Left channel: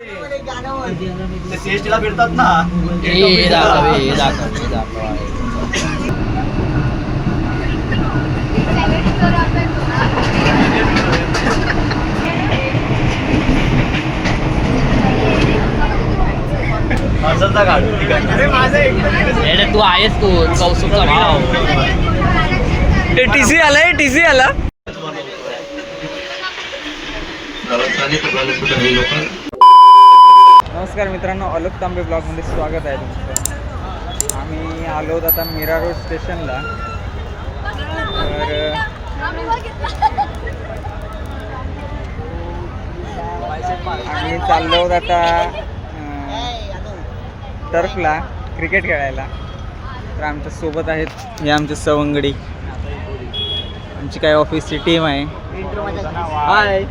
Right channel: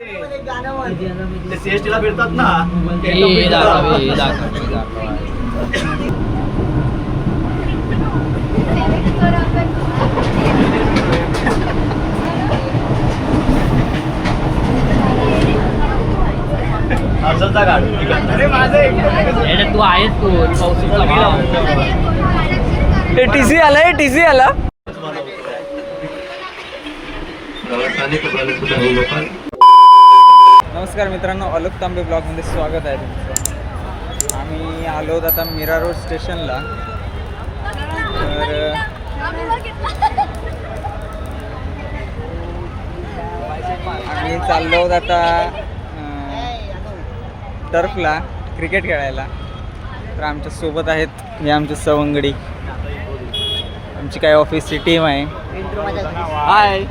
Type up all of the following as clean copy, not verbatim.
सीएसटीला फिरतात ना. तू आहेस तू टीसी आलाय टीसी आला. नमस्कार मित्रांनो, अलोक तांबे ब्लॉगमध्ये स्वागत आहे तुमचं. आम्ही आलो आता मीरा रोड स्टेशनला. तर आम्ही चाललो आहोत आता टर्फला क्रिकेट खेळायला. तर आमच्या सोबत आहेत हे आमचे सवंगडी, आमची काय ऑफिसची टीम आहे. हाय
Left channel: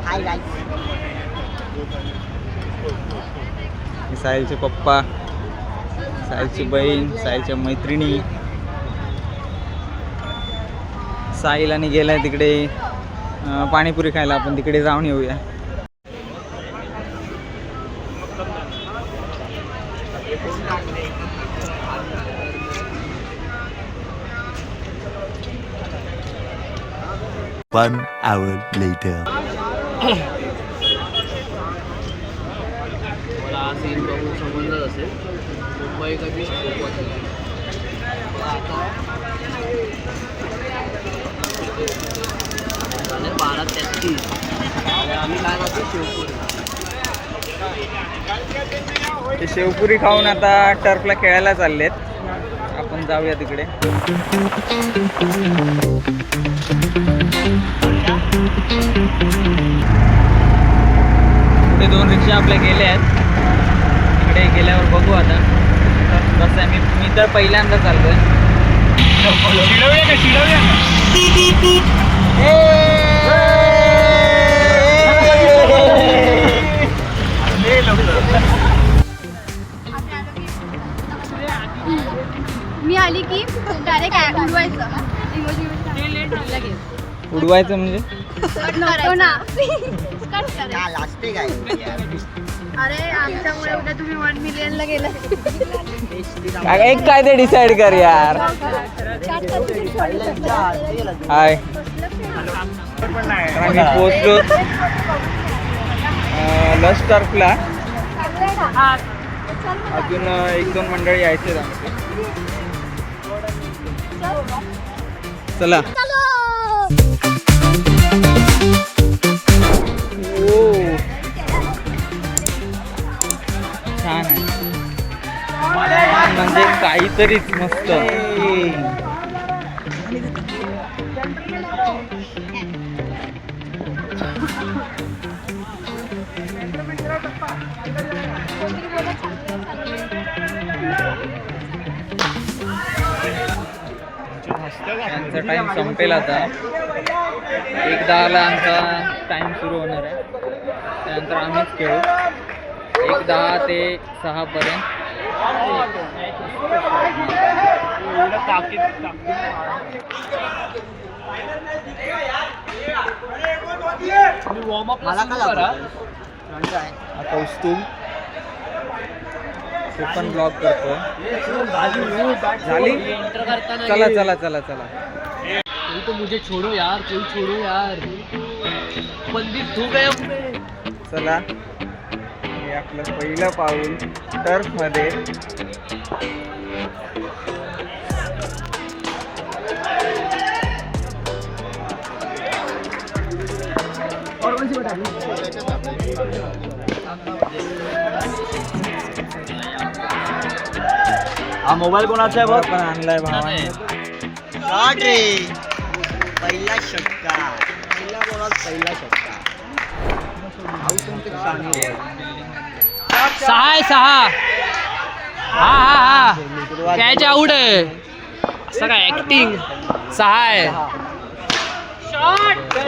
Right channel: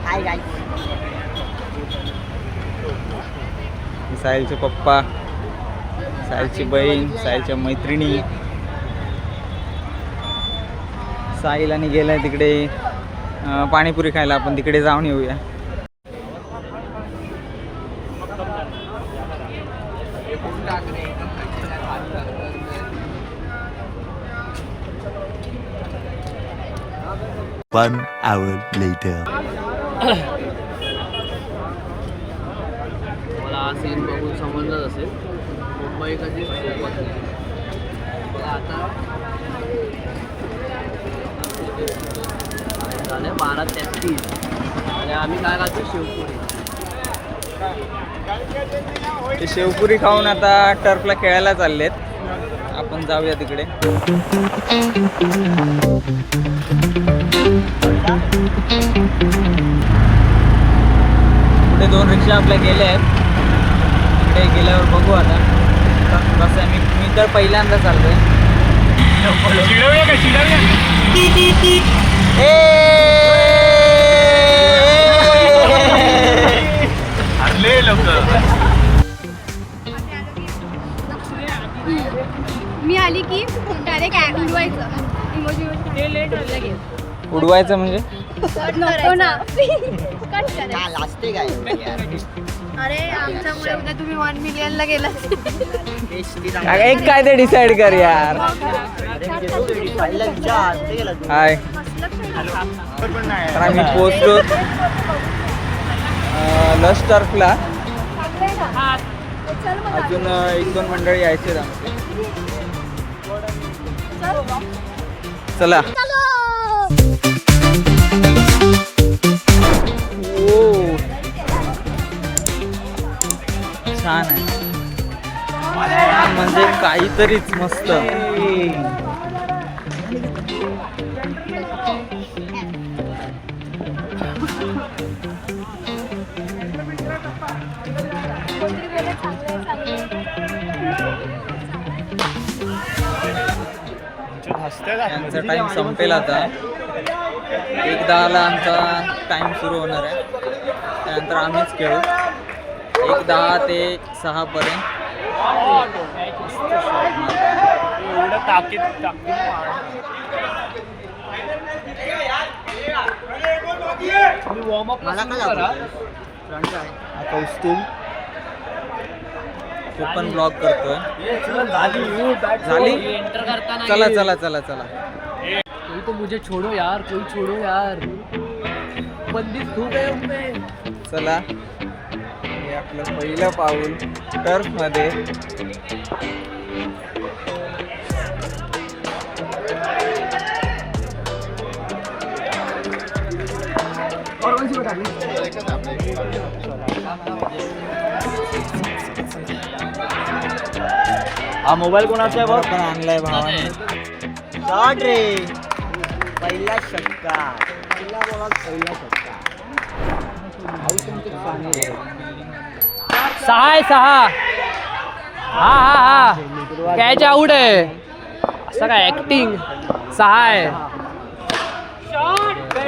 साहिलचे पप्पा, साहिलची बहीण, साहिलच्या मैत्रिणी. साहिल आणि गेलाय तिकडे पाणीपुरी खायला. आपण तिकडे जाऊन येऊया. One hour later. मला सीन बघून समजलं असेल मुंबई कधी सोबत बघा. आता झाले 12:33 आणि आम्ही काय खातो शेवपुरी. ते शेवपुरी खाऊन आता टर्फला खेळायला चाललेत. आपण जाऊया तिकडे. पुढे 2 रिक्षा आपल्या गेल्या आहेत. तिकडे गेल्यावर बघू आता कसं आहे. मी तर पहिल्यांदा चाललोय. मी आली की डायरेक्ट उडवायचं. उडवायचं म्हणजे नको ना. अरे आमच्यामुळे उद्या तुम्ही 1 मिलियनला गेला. एक काय ते डिसाईड कर यार. हाय, आम्ही पोहोचलो लश टर्फला. अजून 1-2 मंडळी यायचे आमचे. चला. ओ छान आहे म्हणजे काहीतरीच मस्त. आमचा टाइम संपेल आता. 1:10ला आमचा टाइम सुरू होणार आहे. त्यानंतर आम्हीच खेळू 1:10 ते 6 पर्यंत. मला काय कौस्तुभ तो पण ब्लॉग करतोय. झाली. चला चला चला चला. कोई तो मुझे छोड़ो यार, कोई छोड़ो यार, बंदी तू गया मुझे. चला, हे आपलं पहिलं पाऊल टर्फमध्ये. हा मोबाईल कोणाचा आहे बघ. पण आणलाय भावाने. शॉट रे, पहिला षटका. पहिला बॉलात पहिला षटका. सहा आहे 6. हा हा हा कॅच आउट आहे. असं काय ऍक्टिंग. 6 आहे.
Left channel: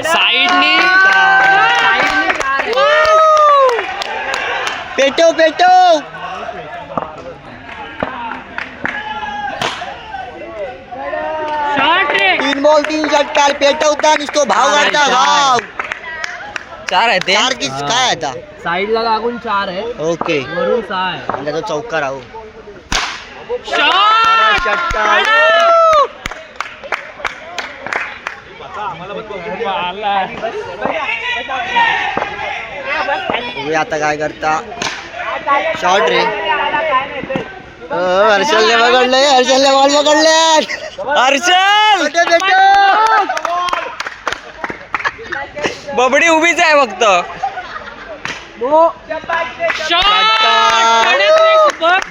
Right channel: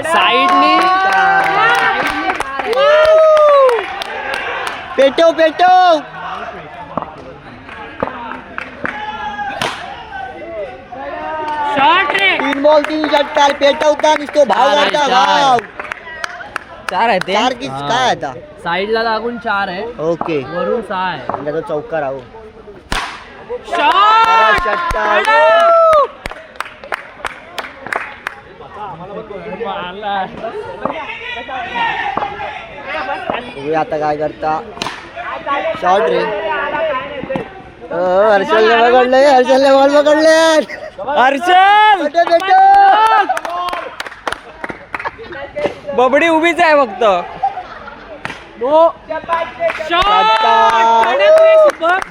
साईडनी पेटो पेटो. 3 बॉल 3 षटकार पेटवता नुसतो भाव काढता भाव. 4 आहे ते चार की काय आता साईडला लागून 4 आहे ओके वरून 6 आहे म्हणजे तो चौका राहू आता काय करता शॉर्ट रे हर्षलने पकडले हर्षलने बॉल पकडले हर्षल बबडी उभीच आहे फक्त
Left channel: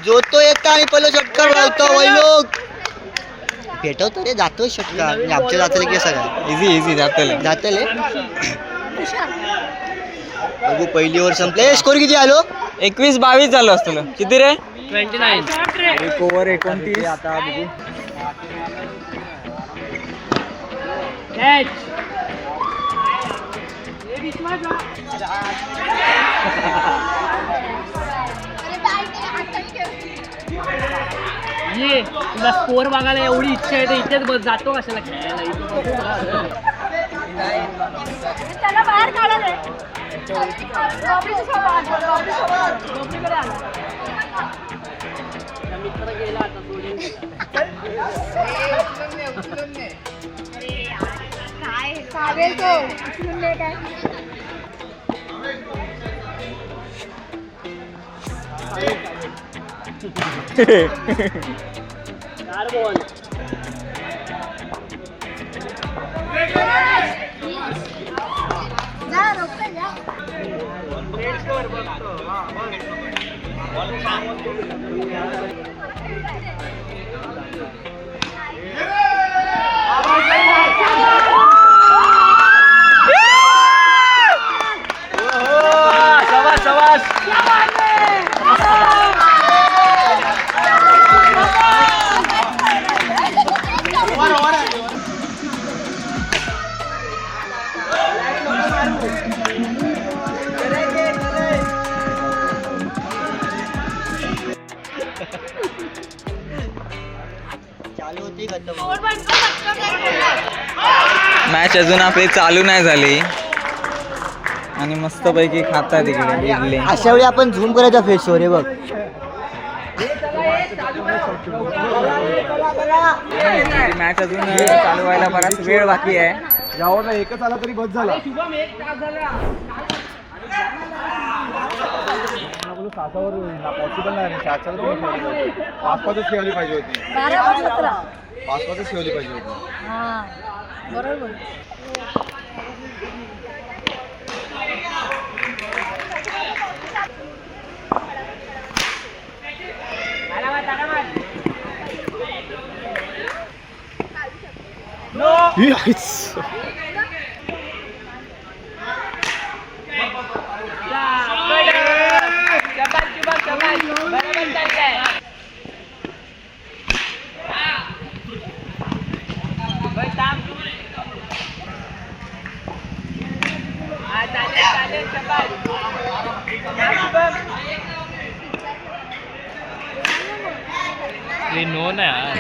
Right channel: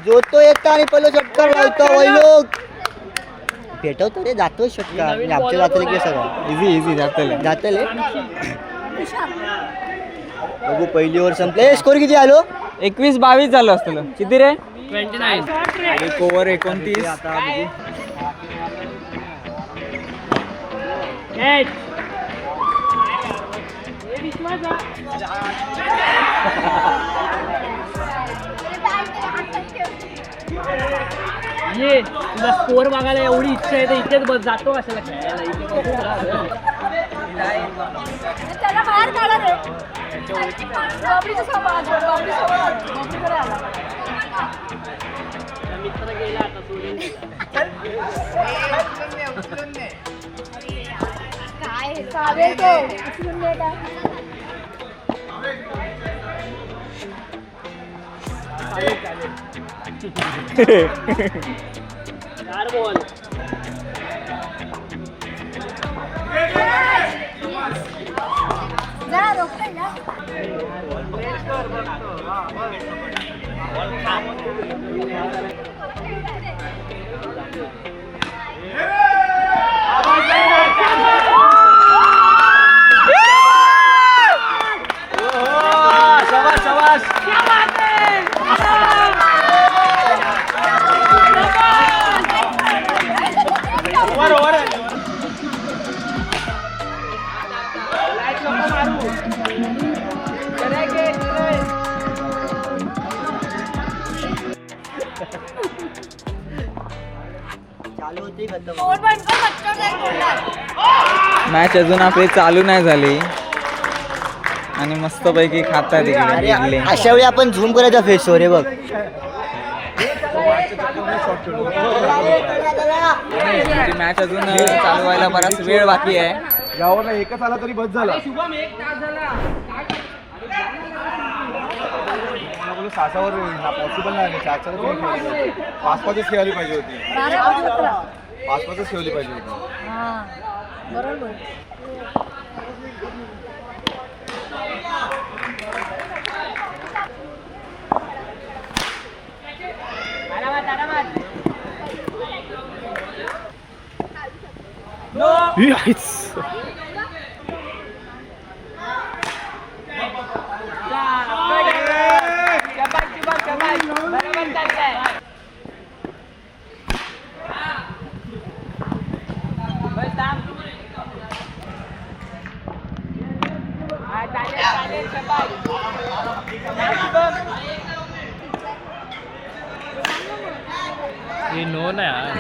जो तो येतो आणि पहिलं षटकार लावतो वैलोक भेटवतो रे जातो षटकार म्हणजे आमच्या जातले की सगळं इझी जातले बघू पहिली ओव्हर संपले स्कोर किती आलो 21-22 झालं असतं किती रे 29 एक ओव्हर 29 आता बघू ये तुला स्कोर बघायला एवढी इच्छा आहे तर इथेच बस जातो कशाला खेळायला त्याला बाहेर काढा रे बाबरीच्या सोबत बाबरीकडे आला मित्र गेला काय चालेल तो म्हणले काय जा रोकते जा चालू होती खतम मॅच अजून आपली चालू नाही झाली आणि मस्तपैकी खातात इकडे इडली अशा वेळी आपण झूम करायचा फेस रे बघ मॅच अजून चालू व्हायला बराच वेळ बाकी आहे यावर एकच आला तरी बस झाला सासावर पॉसिबल नाही 4 तुम्ही 5-5च खेळली पाहिजे होती 5-5च खेळली पाहिजे होती हा बरोबर ये नो ना यार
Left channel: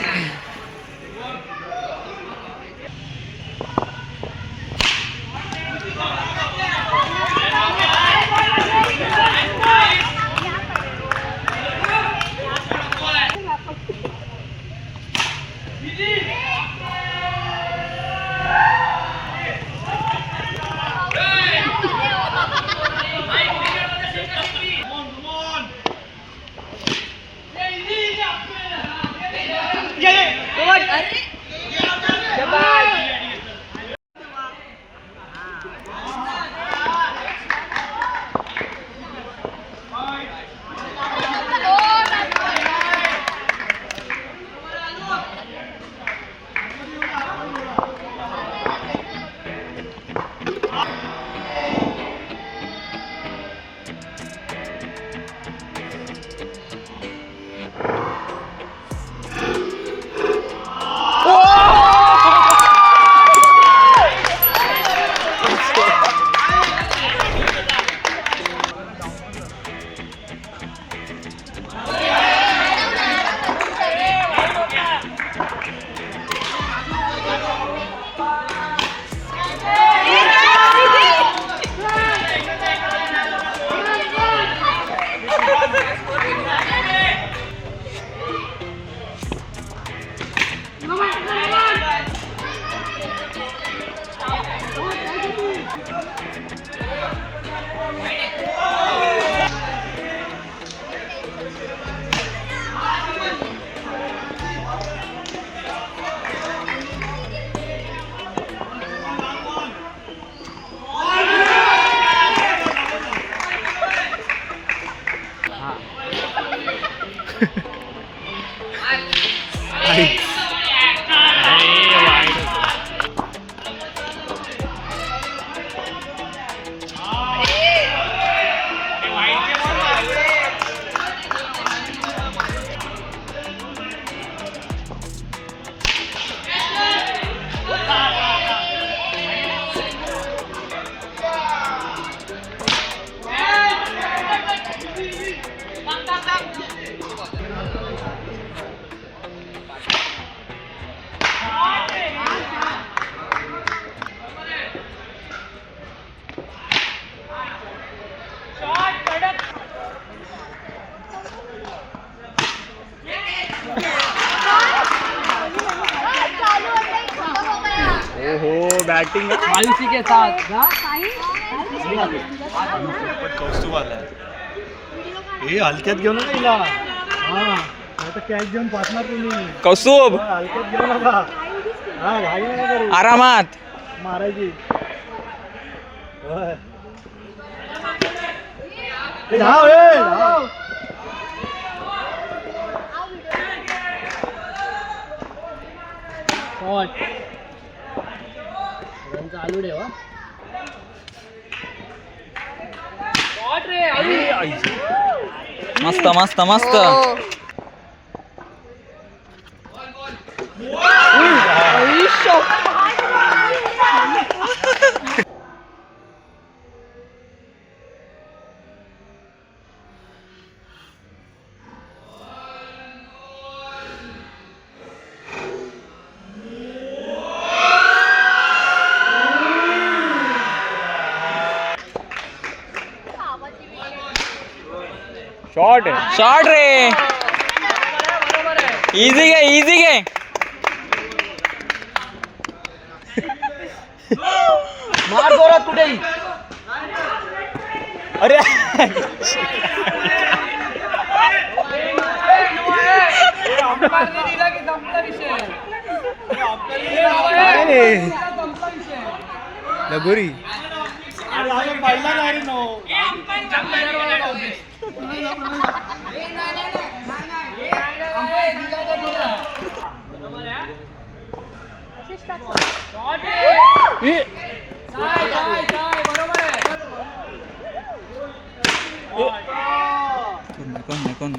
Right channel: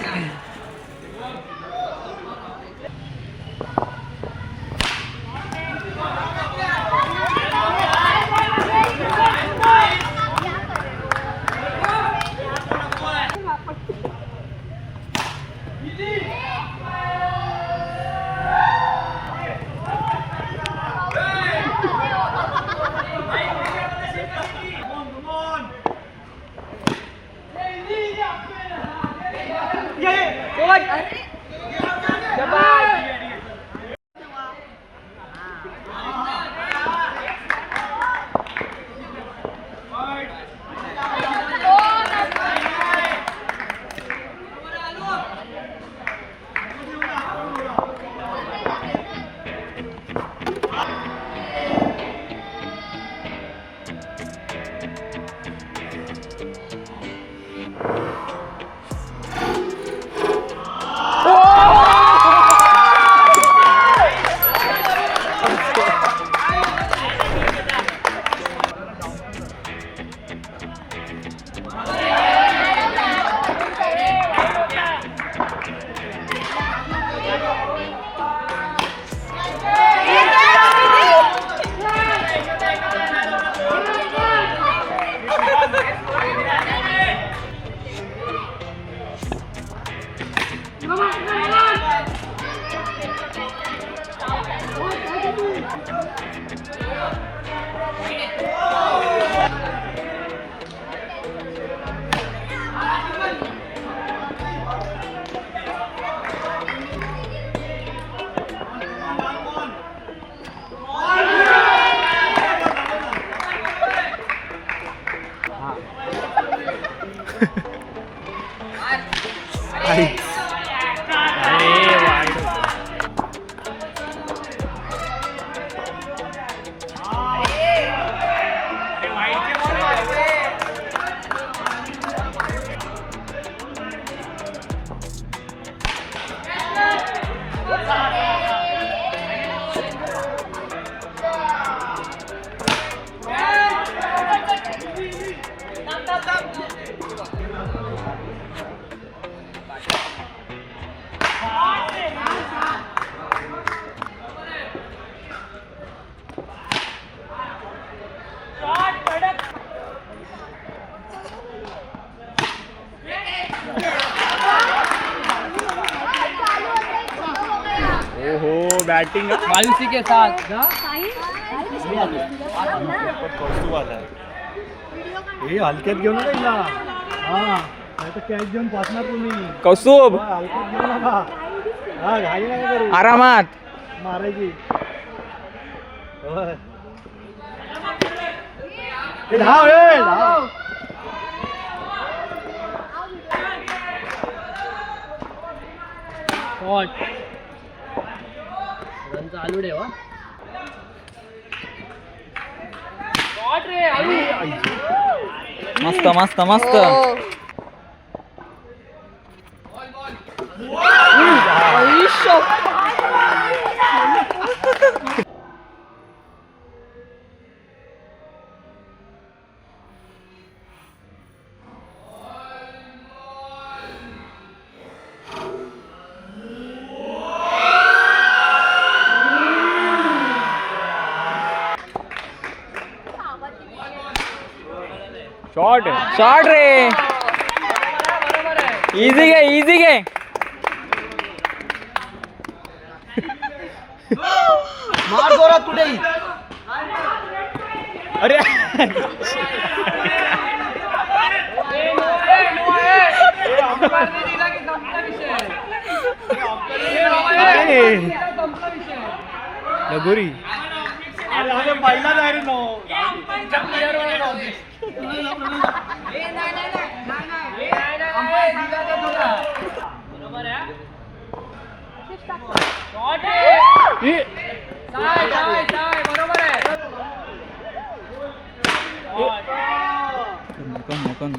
ओहो बॅटिंग मायूसी के साथ कौस्तुभ आलाय हे हलक्यात घेऊ नका हिला हा नाही तर कॅच घेऊन पासणार तुम्ही कौस्तुभ हलक्यात घेऊ नका हा घाई नका करू आरामात मारायची होय ए, धाव ए, धाव. चालू ठेवा मस्त मस्त मस्त शॉट शॉट रे इझी घे इझी घे मार जोरात कुठेही अरे लगोरी पहिला नाही रे नो कोण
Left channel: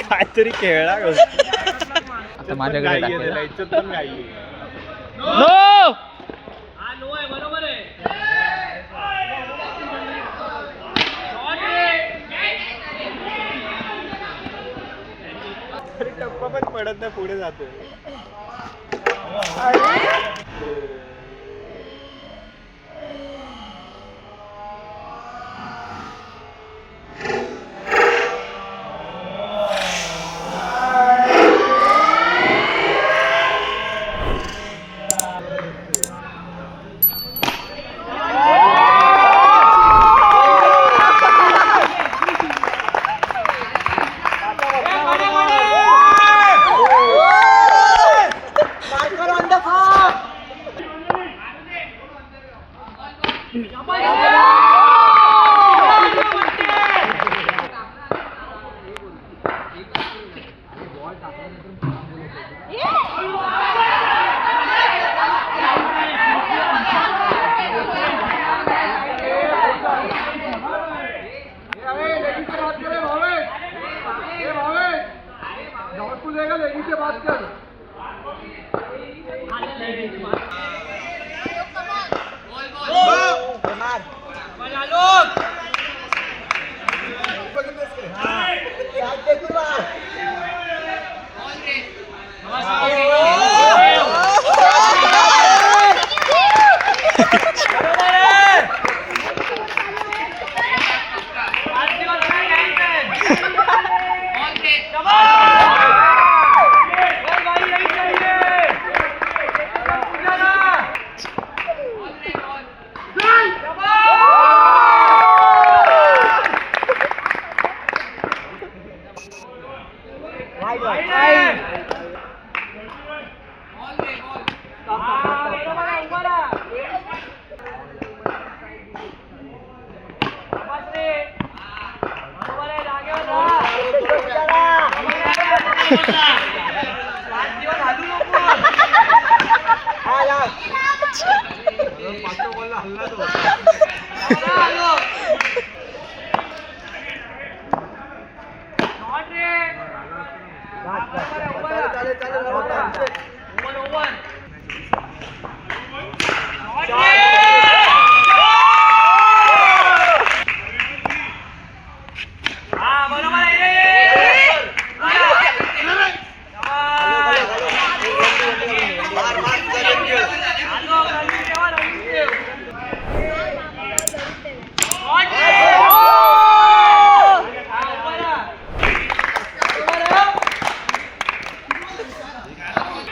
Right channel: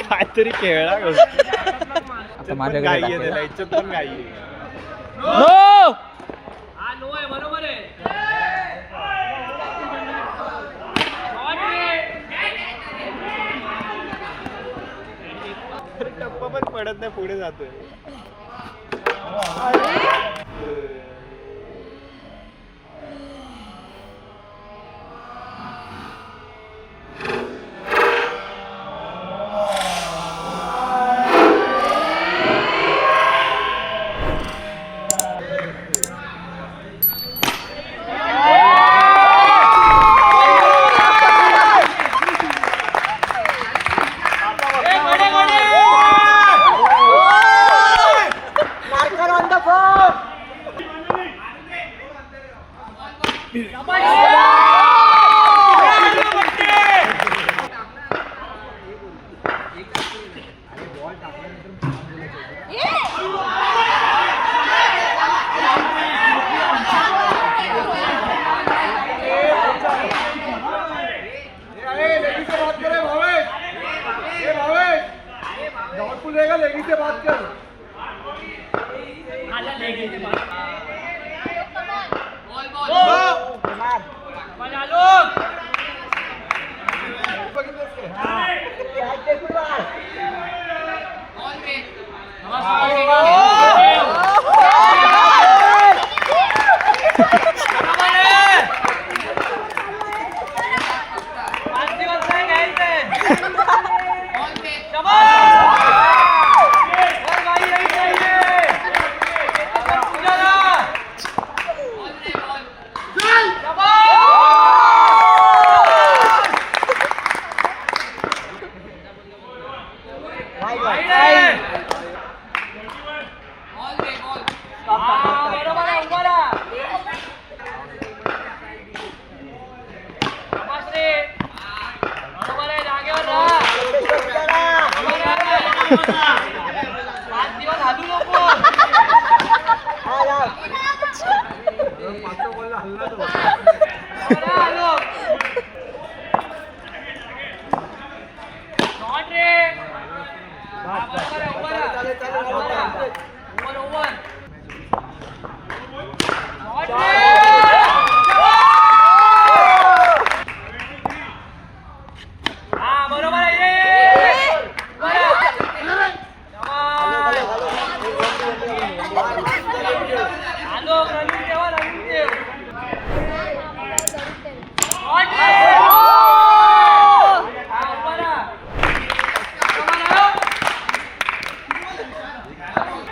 काहीतरी खेळला आता माझ्याकडे टाकेल पण काही नो टप्पा पण पडत नाही पुढे जातोय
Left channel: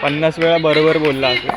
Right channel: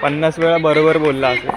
पन्नास वेळा बरोबर बोलला असं.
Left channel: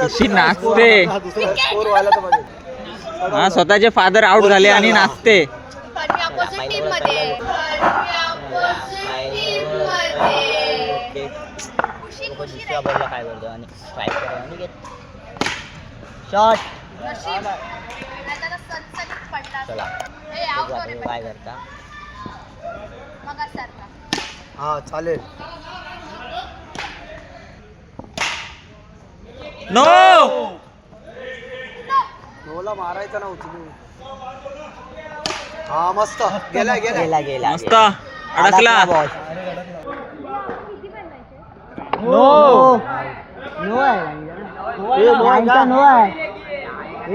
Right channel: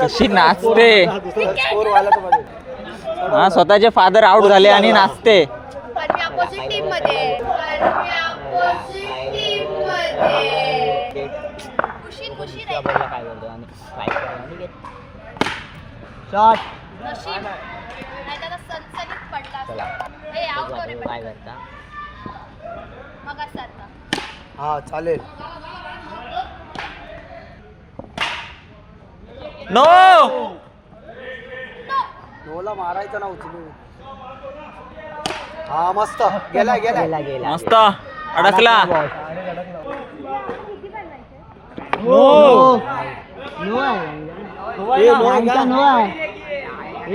कशी नाचते. हा, स्वतःचे फादर आउट झाले आणि नाचते. अपोजिट टीम मध्ये शॉट काय करता हा चालेल. नो, गोला मारायचा ना उचलून. हा मस्त गेला गेला गेला गेला मस्त अडकला. नो नो लाईनचा नो आहे.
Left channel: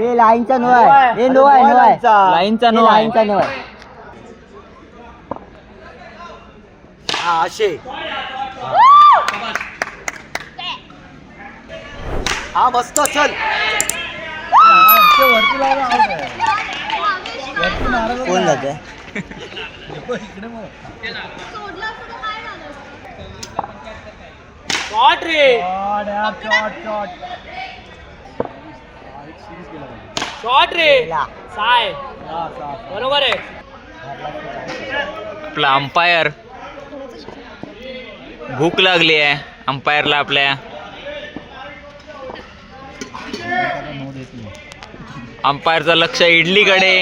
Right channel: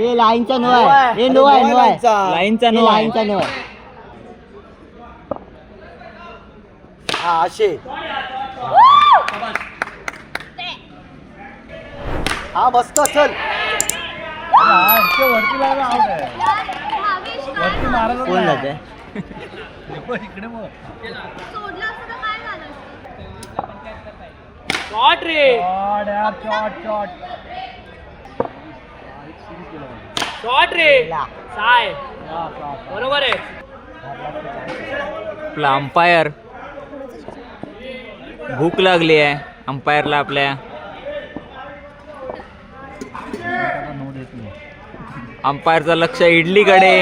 ए लाईनचा नो आहे. ए नो आहे. नो आहे. लाईनचा नो आहे. लाईनचा नो आहे. हा असे. हा मस्त चल. कोण जाते इकडे मग शॉट रे शॉट रे साय बरोबर आहे. आपला अंपायर भूक लागली आहे अंपायरला आपल्या. अंपायरचं लक्ष इडलीकडे.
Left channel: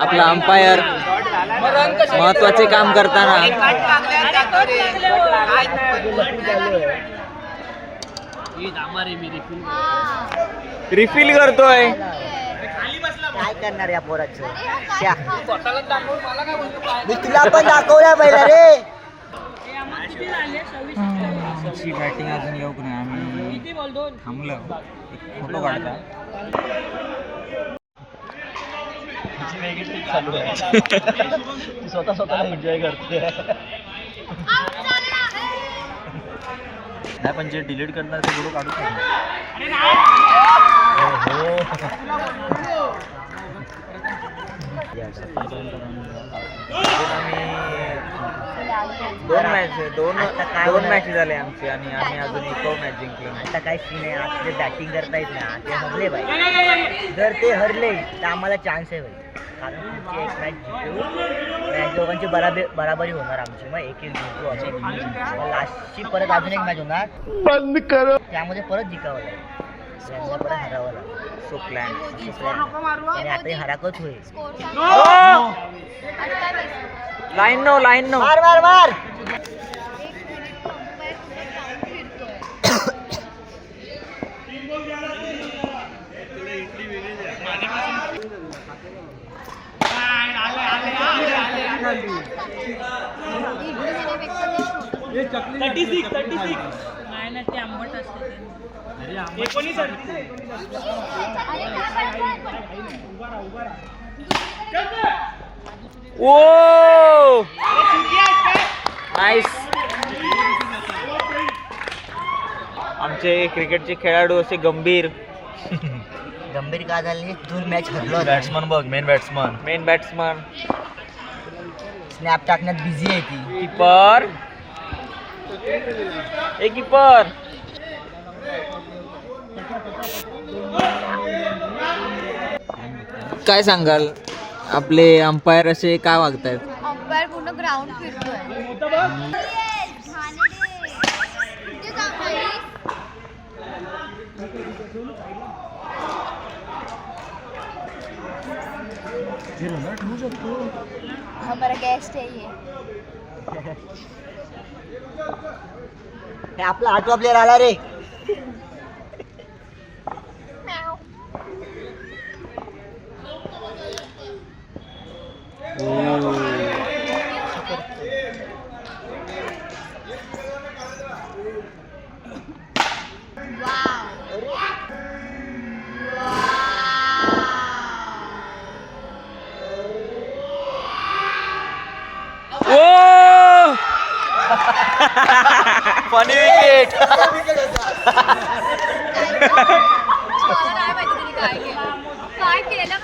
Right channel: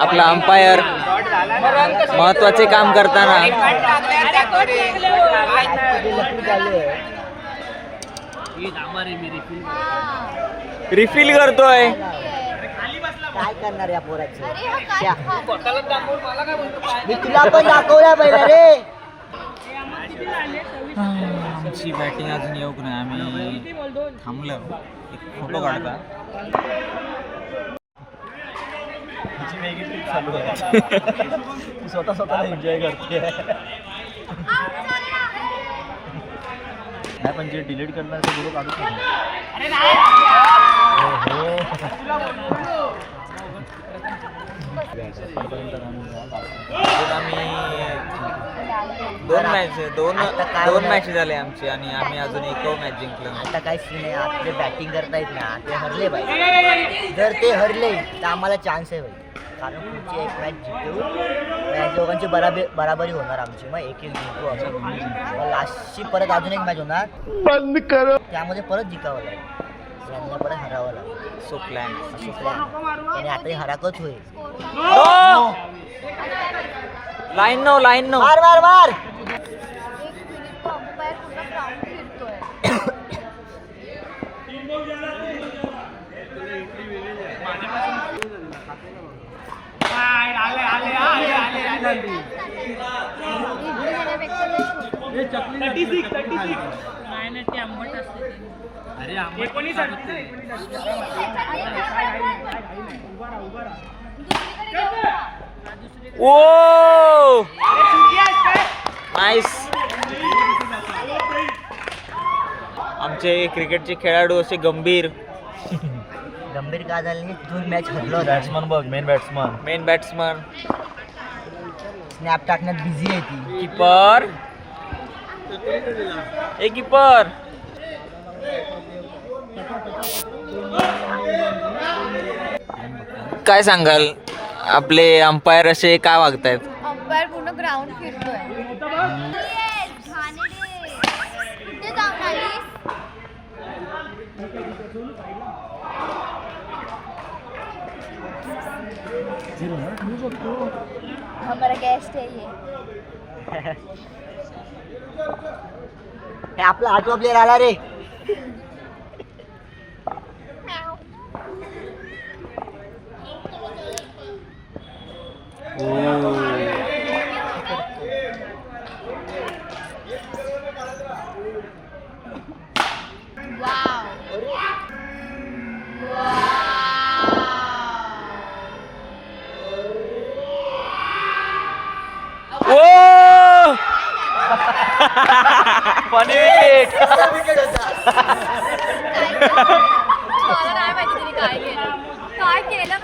आपला अंपायर महत्वाचे काम करताना रिफिल करतोय. काय करणार या पोराचं. मी तुला पण दाखवला पहिला रे. आमची बॅटिंग अजून येऊक नाही. आम्ही थांबलो एक फोटो काढता. स्वतः स्वतःला एन्जॉय करते. नाही पण जे डिलीट करणार ते व्हिडिओ काढू शकतो. अजून आम्ही दोन मॅच झाले आमची आणि आम्ही अजून एक मॅच जिंकलो. आता काय सीन आहे. आपले बॅटिंग करतायत ना ते हरले पाहिजे. जर ते हरले तर आम्हाला चान्स आहे भाई. कारण पुढची एक मॅच जिंकू या दोघांची बराबरी होणार आमची. मग एक जिंकू आपण. मग लास्टची परत अजून एक मॅच होणार बंद करो. त्यामध्ये परत जिंकावं लागेल. यांना परत हरावं लागेल. सो प्लॅन असं प्लॅन. आणि आता हे हराकच होईल. लाईन नो मार मार मार. नाही ना ते आंबट असते अरे आंबट खात होते. ओ नाईस. आमचे क्रिकेटचे खेळाडू असे गंभीर गंभीर का झाले 2 मॅच हरलो. बॅट्समन बघ, main batsman. Main batsman snap टाकण्यात बिझी आहे ती. कीपर ए कीपर. काय सांगाल आपले अंपायर असे काय वागतायत? अंपायर पूर्ण ग्राउंड फिरतोय. हमारा गेस्ट है ये. हे आपला 8वा प्लेअर आला रे. ओ फनी विकेट. काय केलं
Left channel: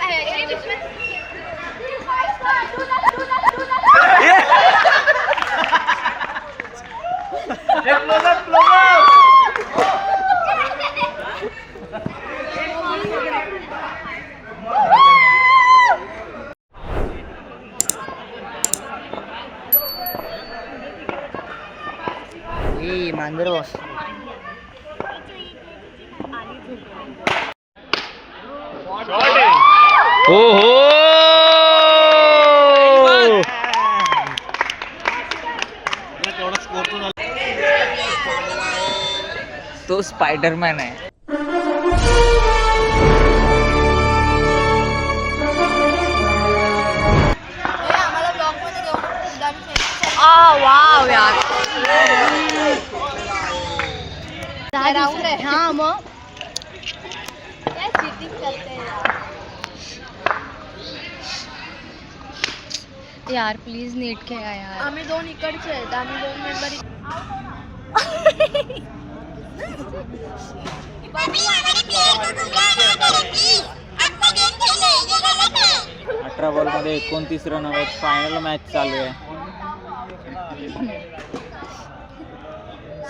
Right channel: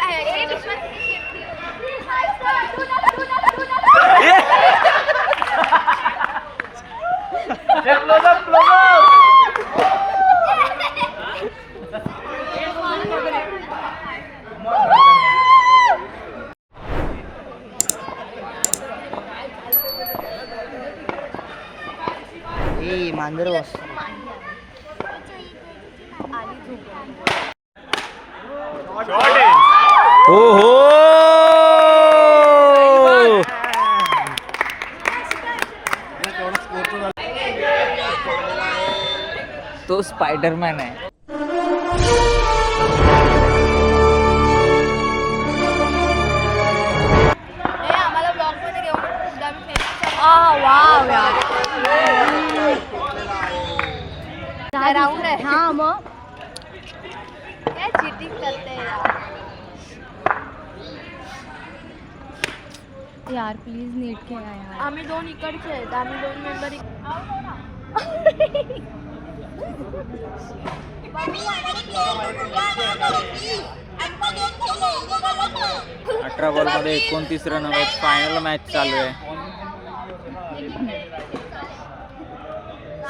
ए मांजर बॉस. हो हो. तो स्पायडरमॅन आहे. आम्हाला ब्लॉग मध्ये घेऊन राऊंड आहे. हा मग काय चीटिंग करते यार. प्लीज नीट खेळा यार. आम्ही 2 इकडचे आहेत. आम्ही 2 मेंबर. 18 बॉलमध्ये 29 रन हवेत. फायनल मॅच चालू आहे.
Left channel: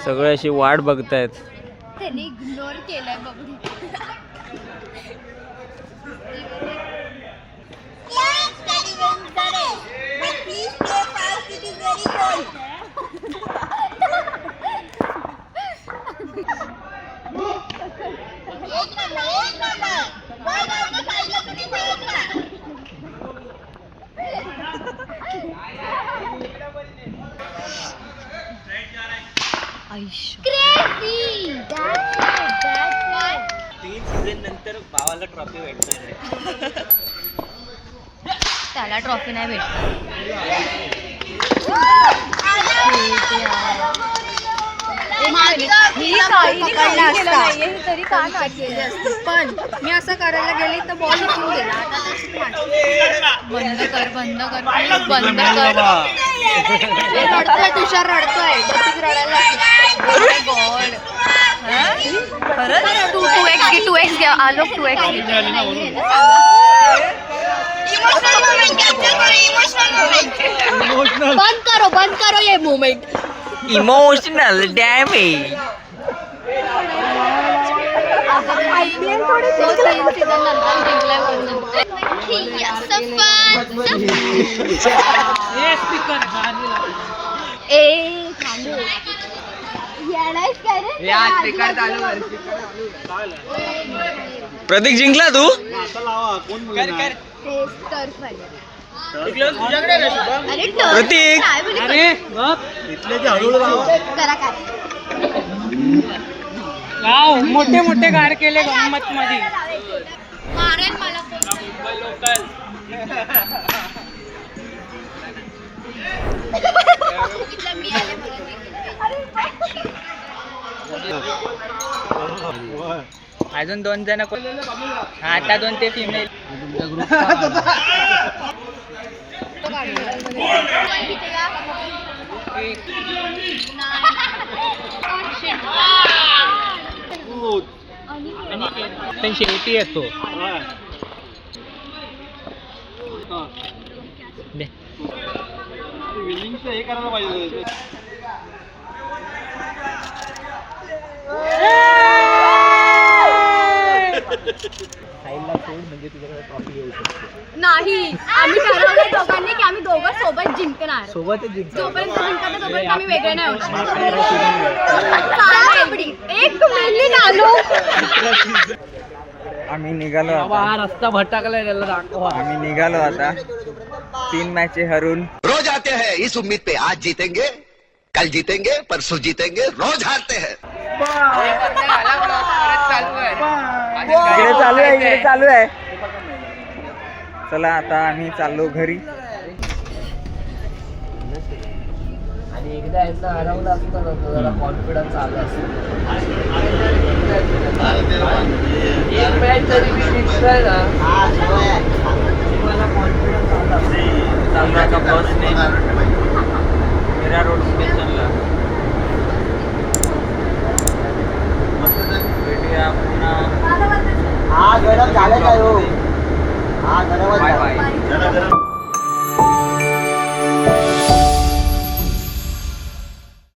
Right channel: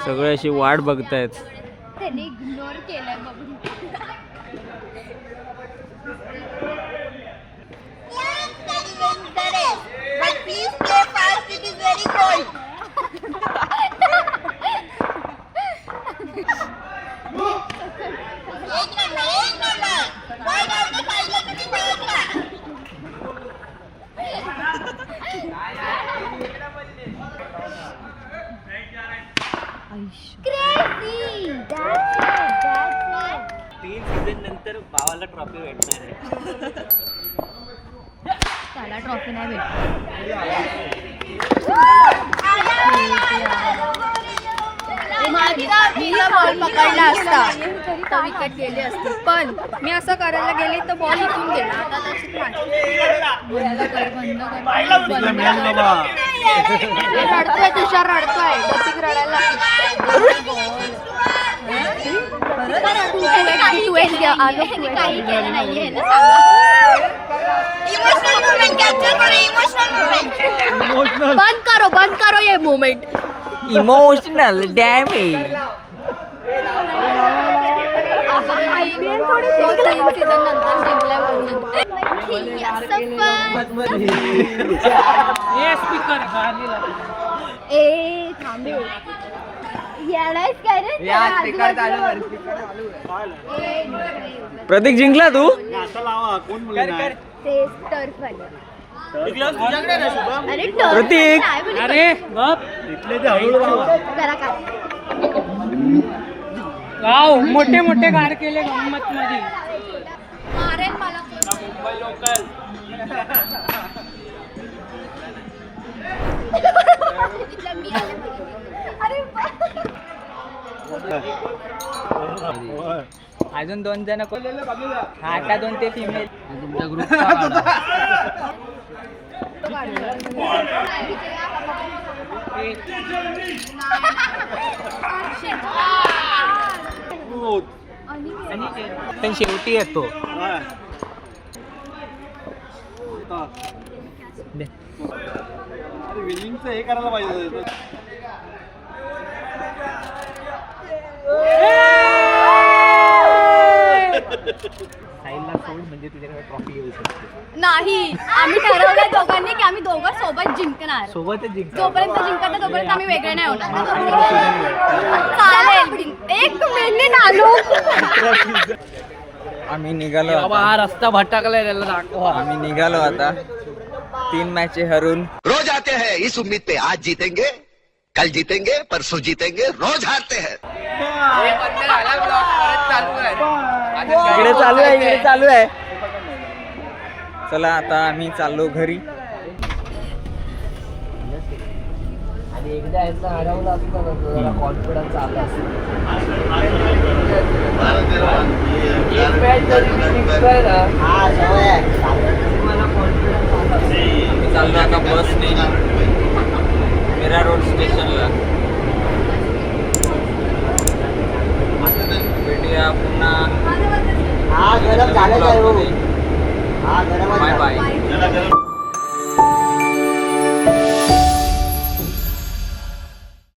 सगळे अशी वाट बघतायत. त्यांनी इग्नोर केलंय बघून. Crazy! That's it. 3 सीझन नंतर भावाला ट्रॉफी भेटणार. त्याला ट्रॉफी नाही पकडला असता तरी का विकेट गेले असते. पण मी असं करायला गेली तर बॉल इथून गेला. बंद कर बंद कर बंद कर. रडतोय तुषार रडतोय. गतीक रडायला गॉड. खरंच 2x घ्या. आलो 2x. बंद करो ये मोमेंट. Emotional damage. प्रतीक जिंकला तू. प्रतीक मोठे मोठे गार केले गंमत मध्ये. मारेल मला अजून 2 जण आता 2 ते फिमेल पण शेवटी येतो विनिंगचं हे करायला पाहिजे. साईडला सोड म्हणजे तुझ्याकडे ट्रॉफी येऊ शकते. नाही, आम्ही ठरवलंय दोघांनी की आम्ही दोघं सोबत जिंकणार. सोबतच जिंक. जोपर्यंत जिंकत तोपर्यंत आम्ही वेगळे नाही होणार. चालेल. एक मिनिट आलो. आम्ही निघालो आता. रस्ता भटकलाय त्याला दाखवा. आम्ही निघालो आता 3 मॅचे हरून. रोज आते हैं इस उम्मीद पे आज जीतेंगे कल जीतेंगे परसों जीतेंगे रोज हारते हैं. इकडे चालू आहे. चला आता आम्ही चाललो घरी. आणि एकदा यांना हरवलं असतं ना जरा कॉन्फिडन्स आला मला कॉन्फिडन्स आला. आम्ही चाललो आता बसने मीरा रोड स्टेशनला. भेटूया पुन्हा. हा गरम झालं काय हो. हा गरम बाय बाय.